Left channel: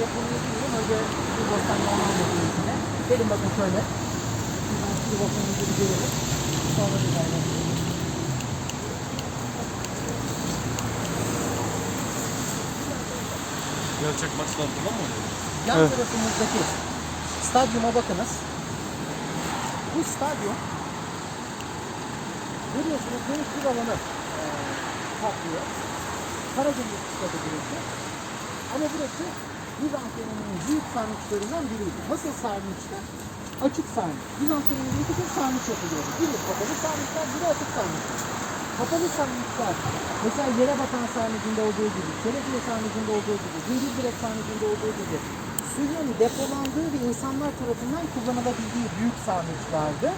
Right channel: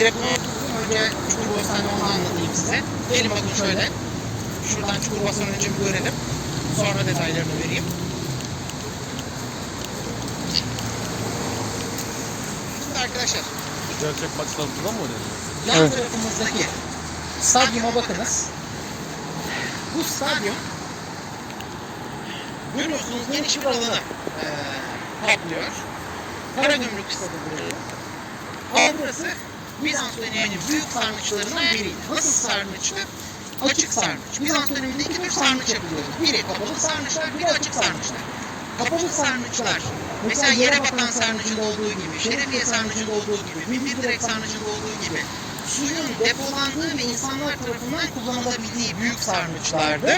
depoya otururum. Önce Çukurbostan'da onu anlatayım size. Gelin bakın şöyle. Şuradan Çukurbostan'ı önce bir görelim. Sonra detaylarını vereyim. Şimdi arkadaşlar Gerçek maçlar falan mı oluyor? yan Evet. tarafımızdaki stadyuma bakınız. Bu stadyum görüyorsunuz geniş bir alanı e, kaplıyor. Karagümrük stadı burası. Ama burası Bizans döneminin büyük sarnıçlarından biriydi. Nasıl sarnıçtı? Açık sarnıç. Bizans döneminde iki tür sarnıç yapılıyordu. Biri kapalı sarnıçlar, biri açık sarnıçlar. Kapalı sarnıçlar, mesela yere bakan sarnıcında olduğu gibi, şerefiye sarnıcında olduğu gibi, bilgi direk sarnıcında olduğu gibi suyun depolandığı ve insanlar tarafından kullanılabildiği büyük sarnıçlardı.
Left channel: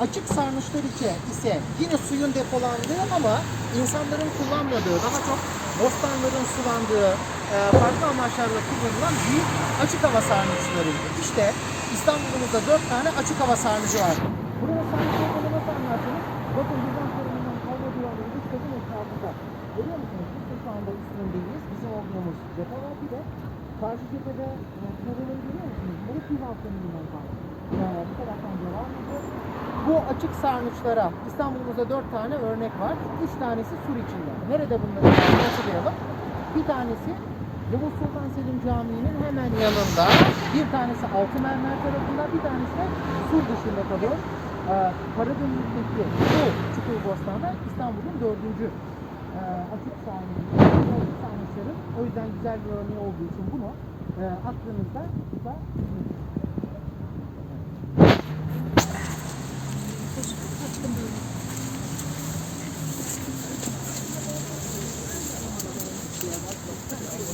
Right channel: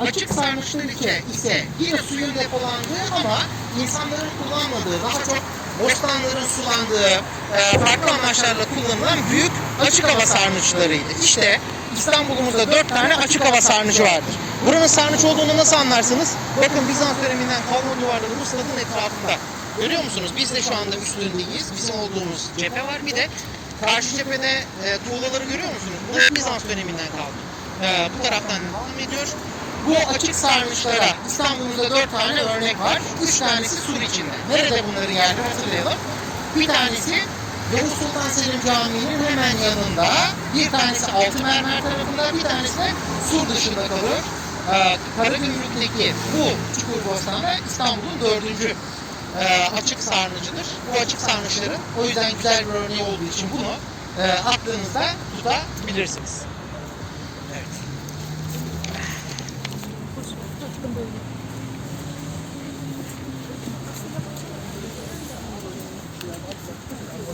Açık sarnıçlar ise, ise yine suyun depolandığı ama insanların kullanmadığı, daha çok bostanların sulandığı, e, farklı amaçlarla kullanılan büyük açık hava sarnıçlarıydı. İşte İstanbul'umuzda dört tane açık hava sarnıcı vardır. Buranın sarnıç olduğunu nasıl anlarsınız? Bakın Bizans döneminden kalma duvarları bu stadın etrafında. Görüyor musunuz? Biz de şu anda üstündeyiz. Bizim olduğumuz cephe var. Bir de karşı cephede e, tuğlaları görüyor musunuz? Burası Bizans döneminden kaldı. E, bu taraftan devam ediyor. Bu açık sarnıçlara İstanbul'umuzda dört tane örnek var. Üç tanesi sur içinde. Nerede bunları yani hatırlayalım. Bir tanesi Yavuz Sultan Selim Camii'nin hemen yanında. Bir tanesi Altı Mermer tarafında, bir tanesi de sur dışında kalıyor. Ee, Karagümrük'teki bu Çukurbostan'da İstanbul'un dördüncü e, açık sarnıcıdır. Bu açık sarnıçların o yüzden güzel bir örneği olduğu için bunu e, aklınızda tutabilirsiniz.